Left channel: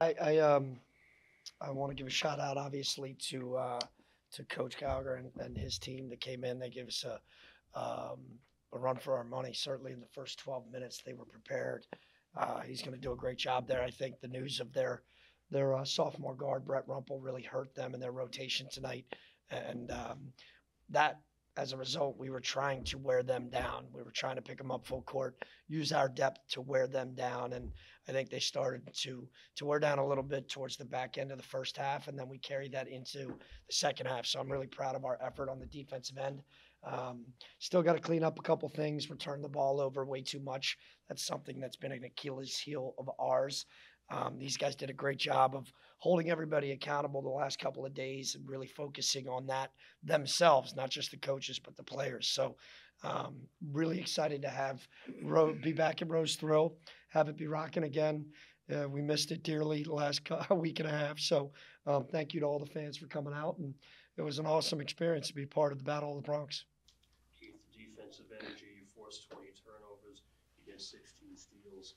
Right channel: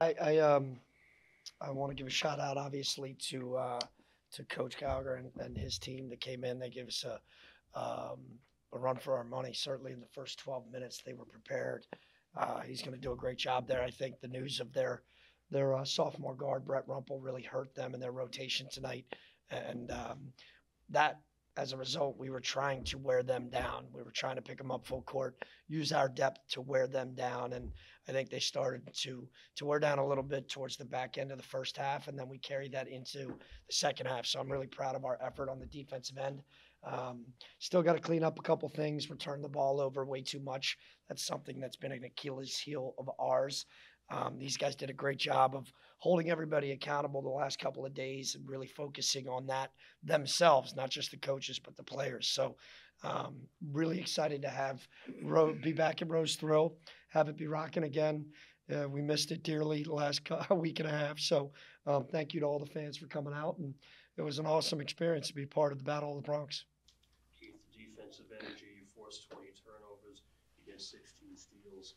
I want to give a shout out, obviously, to Coach Gallagher and his team that came in. They gave us a run for our money. Certainly in the first 12 minutes, they were prepared. He's going to do a great job there. I think the news of their sophomore guard Brett Rumpel really hurt them in their rotation tonight, and that as a result, we were trying to wear them down. We were trying to pick them up full court, use our depth to wear them down, and I think they started to wear down a little bit towards the back end of the first half, and then we carried that into the second half. So I'm really proud of our effort on the defensive end. Um, Still got to clean up a couple things, return the ball over way too much. That's something that's been an Achilles heel of ours. These guys did a great job of holding everybody accountable the last couple of days and really focusing on that themselves, not just the coaches, but the players. So, really excited to have be back in Rose Thrill, have it be rocking again. We missed it dearly the last week and a half. So, thank you to all the fans for coming out. And it was an awesome experience to be part of the Battle of the Bronx. Keith, defensive energy, you forced 20 turnovers, you get 16 steals.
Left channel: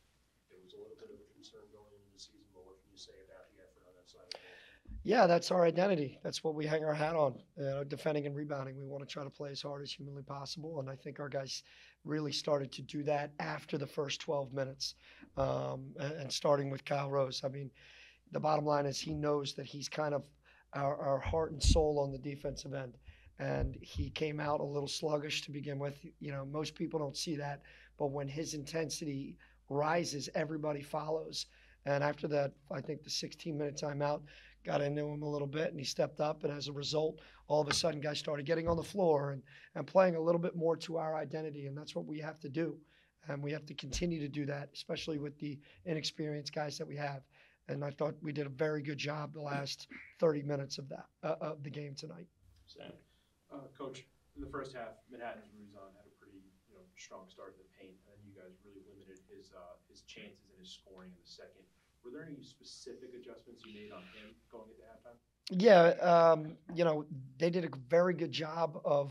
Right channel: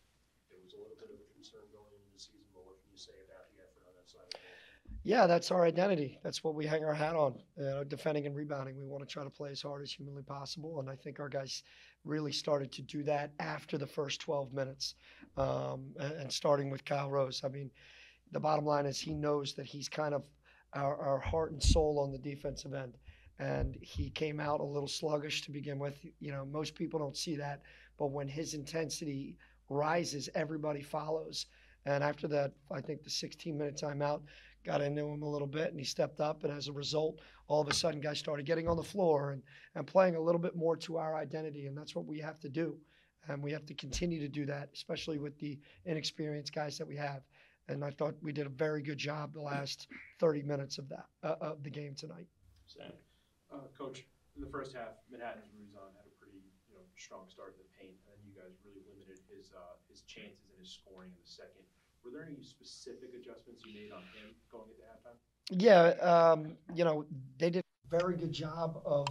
There was a little bit of a concern going into the season, but what can you say about the effort on that side of the ball? Yeah, that's our identity. That's what we hang our hat on, defending and rebounding. We want to try to play as hard as humanly possible, and I think our guys really started to do that after the first 12 minutes, and starting with Kyle Rose. I mean, the bottom line is he knows that he's kind of our heart and soul on the defensive end. And he came out a little sluggish to begin with. You know, most people don't see that, but when his intensity rises, everybody follows. And after that, I think the 16-minute timeout got into him a little bit, and he stepped up. And as a result, all of a sudden, guys started getting on the floor and playing a little bit more to our identity. And that's what we have to do. And we have to continue to do that, especially with the inexperienced guys that we have. And I thought we did a very good job the last 30 minutes of that of the game tonight. Sam. Coach, in the first half, Manhattan's Ruzan had a pretty strong start in the paint, and then you guys really limited his chances and his scoring in the second. Were there any specific adjustments you made on him going into halftime? Yeah, they did a very good job of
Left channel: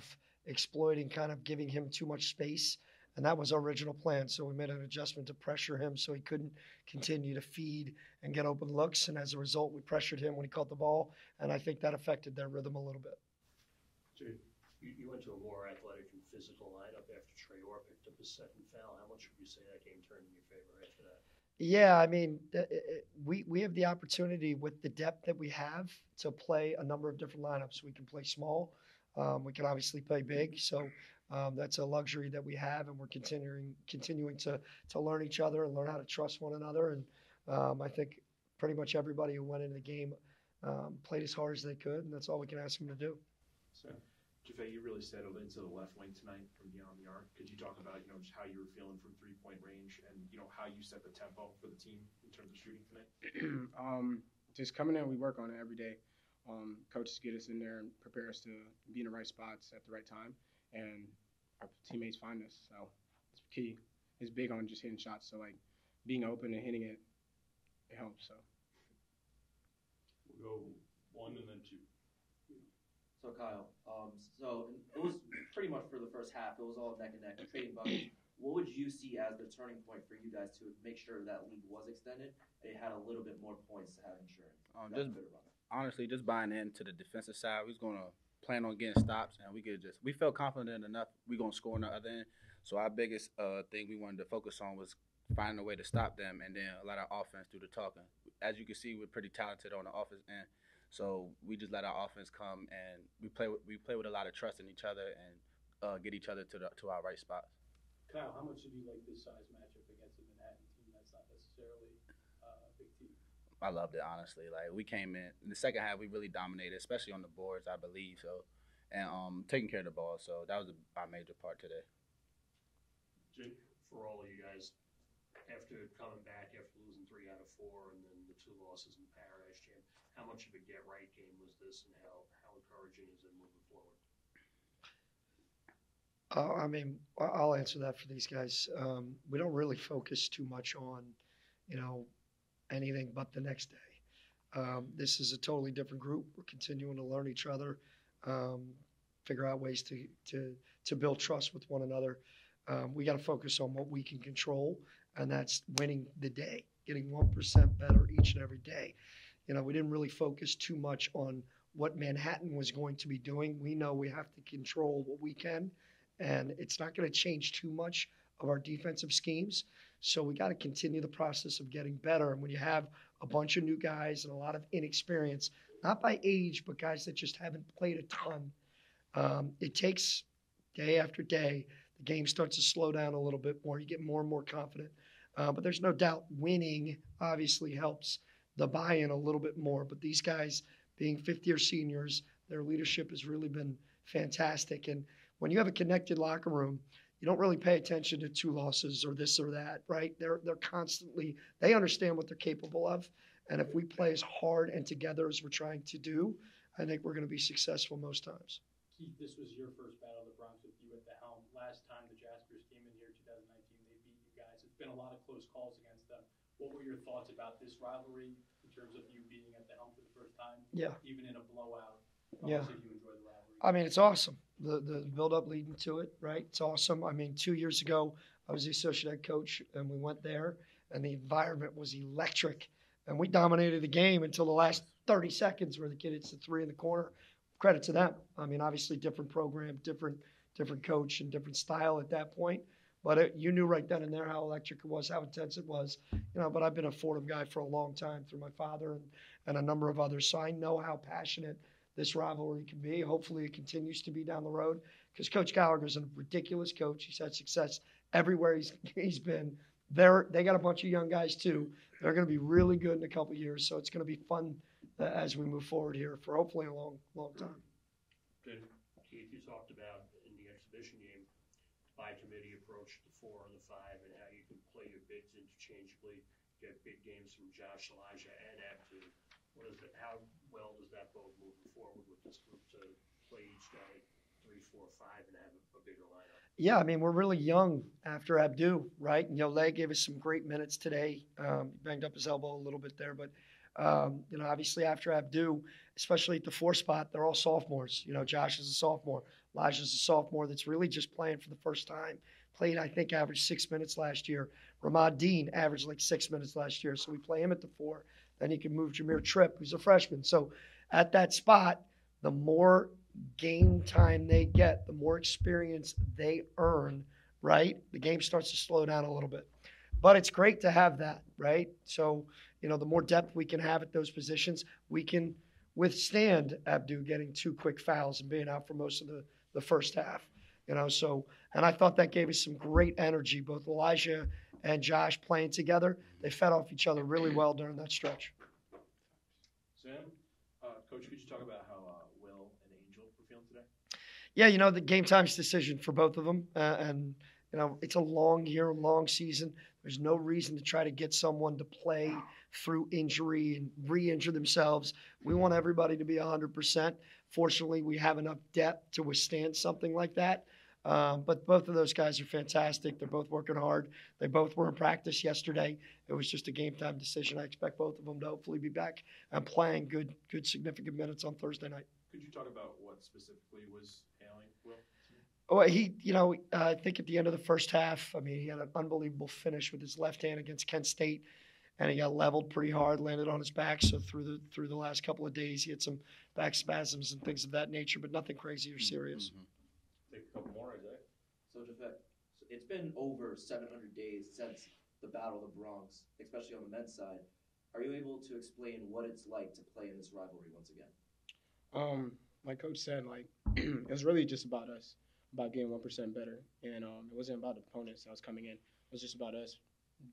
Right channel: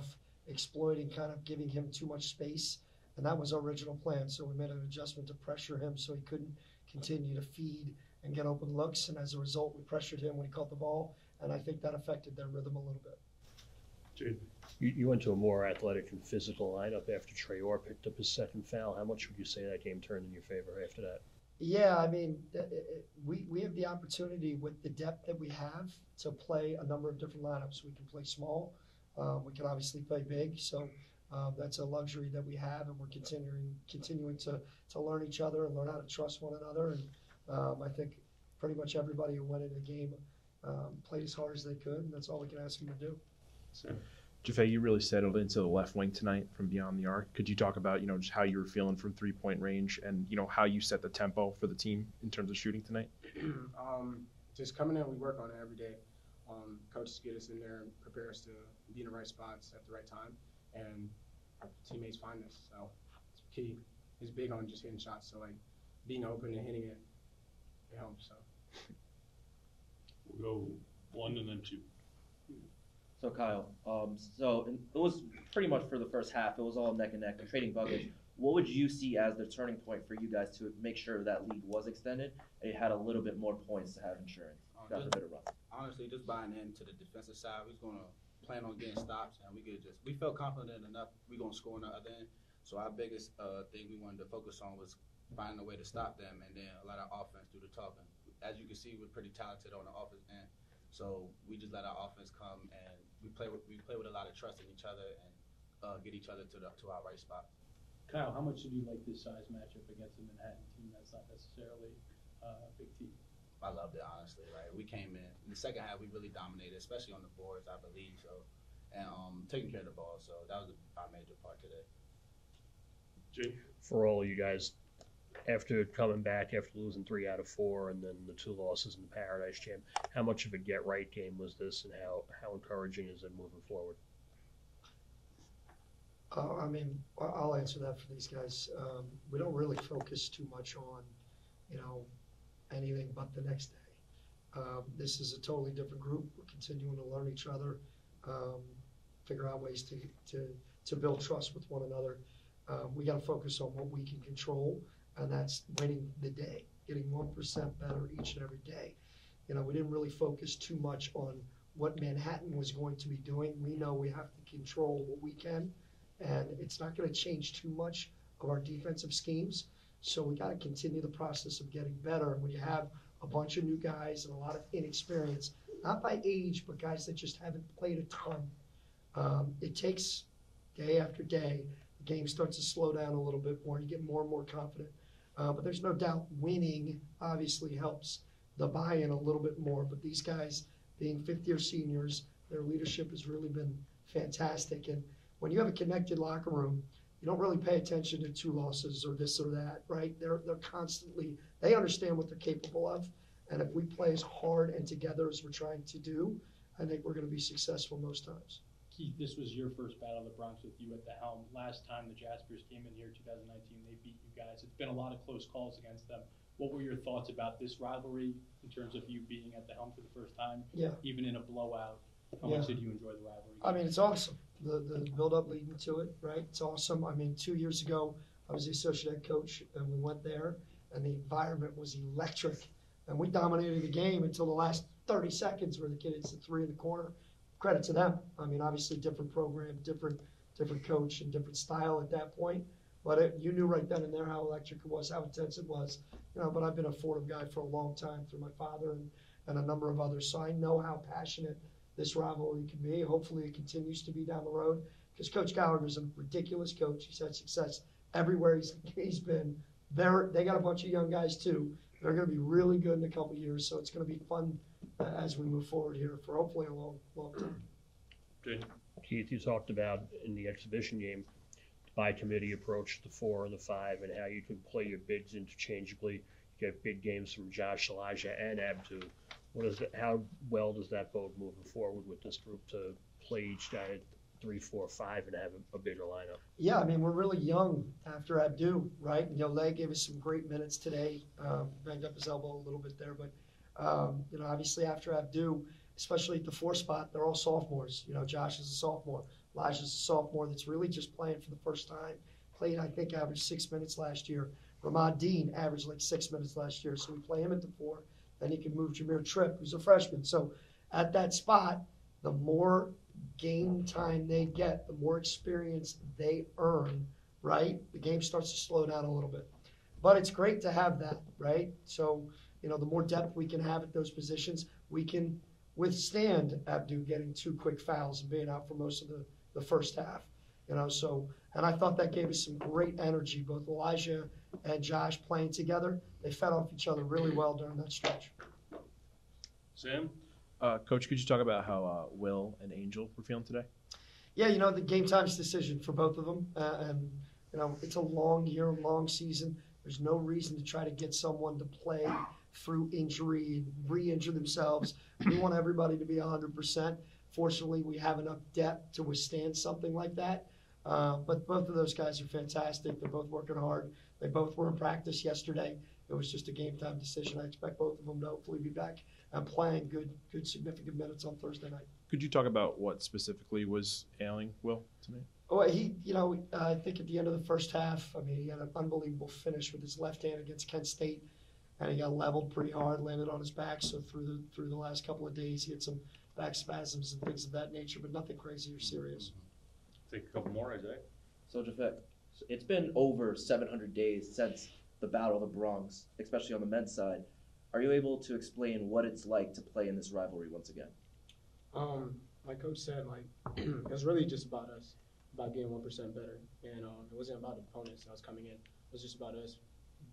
exploiting, kind of giving him too much space, and that was our original plan. So we made an adjustment to pressure him so he couldn't continue to feed and get open looks, and as a result, we pressured him when he caught the ball, and I think that affected their rhythm a little bit. Jade. You went to a more athletic and physical lineup after Traore picked up his second foul. How much would you say that game turned in your favor after that? Yeah, I mean, we have the opportunity with the depth that we have to play a number of different lineups. We can play small. We can obviously play big. So that's a luxury that we have, and we're continuing to learn each other and learn how to trust one another. And I think pretty much everybody who went into the game played as hard as they could, and that's all we can ask them to do. Sam. Japhet, you really settled into the left wing tonight from beyond the arc. Could you talk about, just how you were feeling from 3-point range and, how you set the tempo for the team in terms of shooting tonight? Just coming in, we work on it every day. Coaches get us in there and prepare us to be in the right spots at the right time, and our teammates find us. So it's key. It's big on just hitting shots. So like being open and hitting it, it helps. So We'll go one and then two. So Kyle, it was pretty much for the first half. It was all neck and neck, trading buckets. What would you see as the turning point for you guys to make sure that lead was extended? It had a little bit more points to have insurance. Honestly, just buying into the defensive side, we was gonna plan on getting stops, and we felt confident enough we're gonna score on the other end. So our biggest thing we wanted to focus on was finding a way to stop them, and then let our offense do the talking. As you can see, we're pretty talented on the offense end. So we just let our offense come, and we play with a lot of trust in each other and get each other to our right spot. Kyle, how much did you like this size matchup against a Manhattan team that's not necessarily a big team? I loved it, honestly. Like, we came in the second half, we really dominated, especially on the boards, I believe. So, and taking care of the ball. So that was our major part today. Jake. For all you guys, after coming back after losing 3 out of 4 and then the 2 losses in the Paradise Jam, how much of a get right game was this, and how encouraging is it moving forward? I mean, I'll answer that for these guys. We don't really focus too much on, anything but the next day. This is a totally different group. We're continuing to learn each other, figure out ways to build trust with one another. We got to focus on what we can control, and that's winning the day. getting 1% better each and every day. You know, we didn't really focus too much on what Manhattan was going to be doing. We know we have to control what we can, and it's not going to change too much of our defensive schemes. So we got to continue the process of getting better. And when you have a bunch of new guys and a lot of inexperience, not by age, but guys that just haven't played a ton, it takes day after day. The game starts to slow down a little bit more. You get more and more confident. But there's no doubt winning obviously helps the buy-in a little bit more. But these guys, being fifth-year seniors, their leadership has really been fantastic. And when you have a connected locker room, you don't really pay attention to 2 losses or this or that, right? They're constantly, they understand what they're capable of. And if we play as hard and together as we're trying to do, I think we're going to be successful most times. Keith, this was your first battle of the Bronx with you at the helm. Last time the Jaspers came in here, 2019, they beat you guys. It's been a lot of close calls against them. What were your thoughts about this rivalry in terms of you being at the helm for the first time? Yeah. Even in a blowout, how Yeah. much did you enjoy the rivalry? I mean, it's awesome. The build-up leading to it, right? It's awesome. I mean, 2 years ago, I was the associate head coach, and we went there, and the environment was electric. And we dominated the game until the last 30 seconds where the kid hits the 3 in the corner. Credit to them. I mean, obviously, different program, different coach, and different style at that point. But you knew right then and there how electric it was, how intense it was. You know, but I've been a Fordham guy for a long time through my father and a number of others. So I know how passionate this rivalry can be. Hopefully it continues to be down the road because Coach Gallagher is a ridiculous coach. He's had success everywhere he's been. They got a bunch of young guys too. They're going to be really good in a couple of years. So it's going to be fun as we move forward here for hopefully a long, long time. Keith, you talked about in the exhibition game, by committee approach, the 4 and the 5, and how you can play your bigs interchangeably. You get big games from Josh, Elijah, and Abdu. How well does that bode moving forward with this group to play each guy at 3, 4, 5 and have a bigger lineup? Yeah, I mean, we're really young after Abdu, right? And Yole gave us some great minutes today. Banged up his elbow a little bit there, but you know, obviously after Abdu, especially at the 4 spot, they're all sophomores. You know, Josh is a sophomore. Elijah's a sophomore that's really just playing for the first time. Played, I think, averaged 6 minutes last year. Ramad Dean averaged like 6 minutes last year. So we play him at the 4. Then you can move Jameer Tripp, who's a freshman. So at that spot, the more game time they get, the more experience they earn, right? The game starts to slow down a little bit. But it's great to have that, right? So, you know, the more depth we can have at those positions, we can withstand Abdu getting 2 quick fouls and being out for most of the first half. You know, so, and I thought that gave us some great energy, both Elijah and Josh playing together. They fed off each other really well during that stretch. Sam? Coach, could you talk about how Will and Angel were feeling today? Yeah, you know, the game time's decision for both of them. And, you know, it's a long year, long season. There's no reason to try to get someone to play through injury and re-injure themselves. We want everybody to be 100%. Fortunately, we have enough depth to withstand something like that. But both of those guys are fantastic. They're both working hard. They both were in practice yesterday. It was just a game time decision. I expect both of them to hopefully be back and playing good significant minutes on Thursday night. Could you talk about what specifically was ailing Will today? Oh, I think at the end of the first half, I mean, he had an unbelievable finish with his left hand against Kent State, and he got leveled pretty hard, landed on his back. So through the last couple of days, he had some back spasms and things of that nature, but nothing crazy or serious. Take a couple more, Isaiah. So, Japhet, it's been over 700 days since the Battle of the Bronx, especially on the men's side. Are you able to explain what it's like to play in this rivalry once again? Like Coach said, like it was really just about us, about getting 1% better, and it wasn't about the opponents that was coming in. It was just about us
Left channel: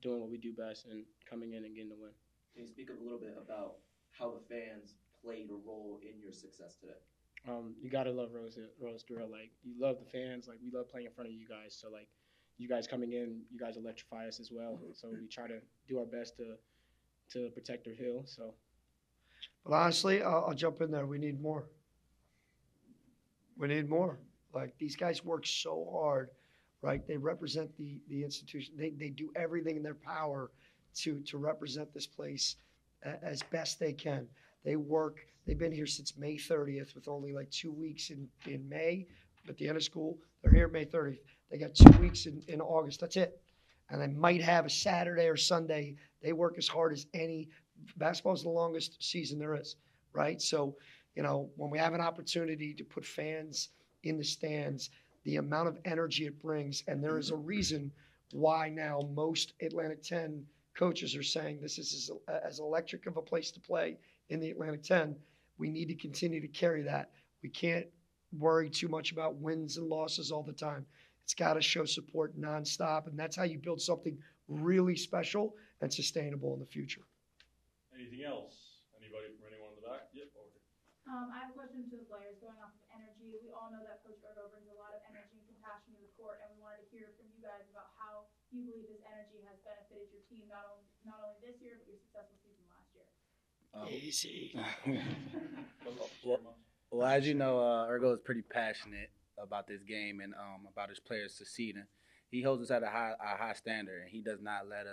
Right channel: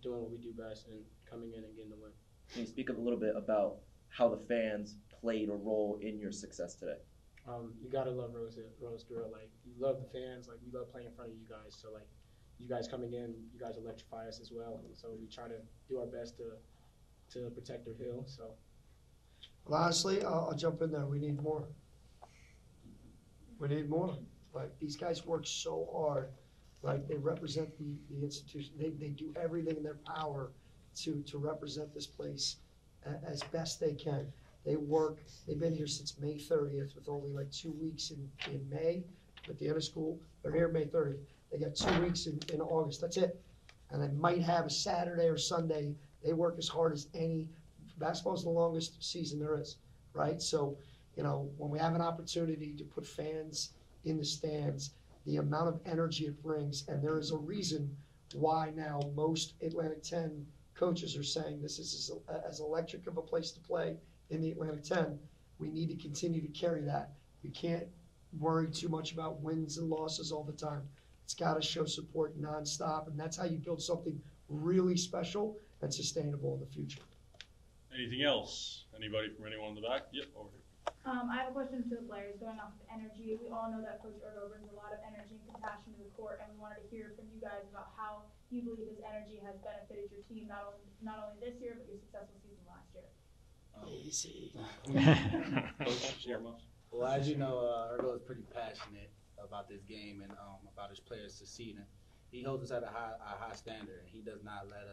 doing what we do best and coming in and getting the win. Can you speak a little bit about how the fans played a role in your success today? You gotta love Rose Durrell. Like, you love the fans. Like, we love playing in front of you guys. So, like, you guys coming in, you guys electrify us as well. So we try to do our best to protect our hill. So. But honestly, I'll jump in there. We need more. We need more. Like, these guys work so hard, right? They represent the institution. They do everything in their power to represent this place as best they can. They work. They've been here since May 30th with only like 2 weeks in May at the end of school. They're here May 30th. They got 2 weeks in August. That's it. And they might have a Saturday or Sunday They work as hard as any. Basketball is the longest season there is, right? So, when we have an opportunity to put fans in the stands, the amount of energy it brings, and there is a reason why now most Atlantic 10 coaches are saying this is as electric of a place to play in the Atlantic 10. We need to continue to carry that. We can't worry too much about wins and losses all the time. It's got to show support nonstop, and that's how you build something really special and sustainable in the future. Anything else? Anybody from anyone in the back? Yep, over here. I have a question to the players going off of energy. We all know that Coach Urgo brings a lot of energy and compassion to the court, and we wanted to hear from you guys about how you believe his energy has benefited your team, not only this year, but your successful season last year. Easy. Well, as you know, Urgo is pretty passionate about this game and about his players succeeding. He holds us at a high standard, and he does not let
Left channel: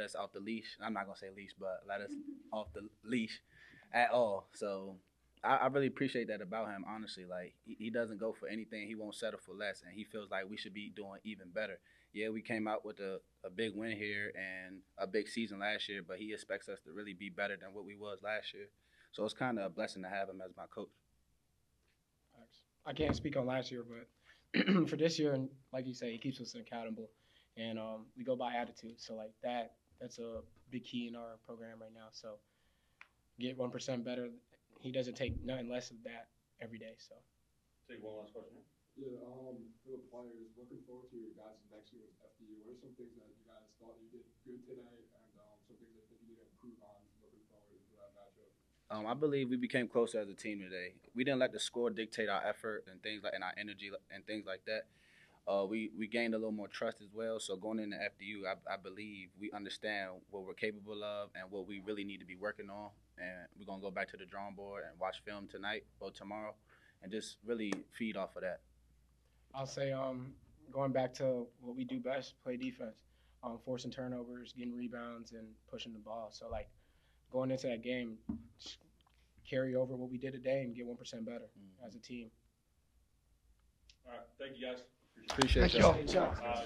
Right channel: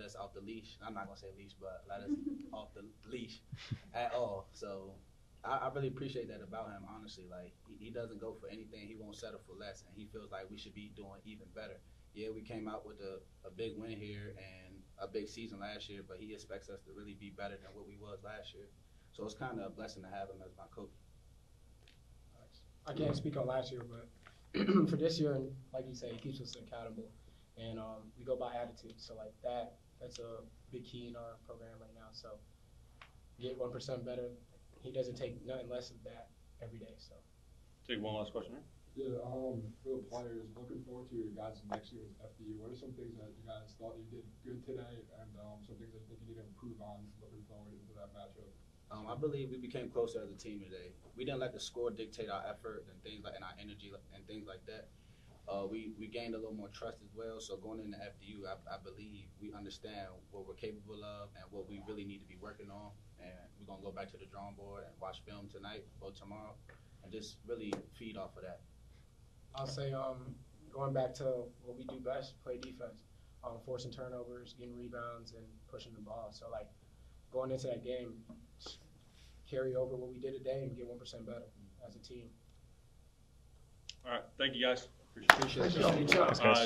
us off the leash. I'm not gonna say leash, but let us off the leash at all. So I really appreciate that about him. Honestly, like he doesn't go for anything. He won't settle for less, and he feels like we should be doing even better. Yeah, we came out with a big win here and a big season last year, but he expects us to really be better than what we was last year. So it's kind of a blessing to have him as my coach. I can't speak on last year, but for this year, and like you say, he keeps us accountable, and we go by attitude. So like that's a big key in our program right now. So get 1% better. He doesn't take nothing less of that every day. So Take one last question. Yeah, for the players, looking forward to your guys' next year with FDU. What are some things that you guys thought you did good today, and some things that you think you need to improve on looking forward into that matchup? I believe we became closer as a team today. We didn't let the score dictate our effort and things like and our energy and things like that. We gained a little more trust as well. So going into FDU, I believe we understand what we're capable of and what we really need to be working on. And we're gonna go back to the drawing board and watch film tonight or tomorrow, and just really feed off of that. I'll say going back to what we do best, play defense, forcing turnovers, getting rebounds, and pushing the ball. So like going into that game, just carry over what we did today and get 1% better as a team. All right, thank you guys. Appreciate Thank you all. All right.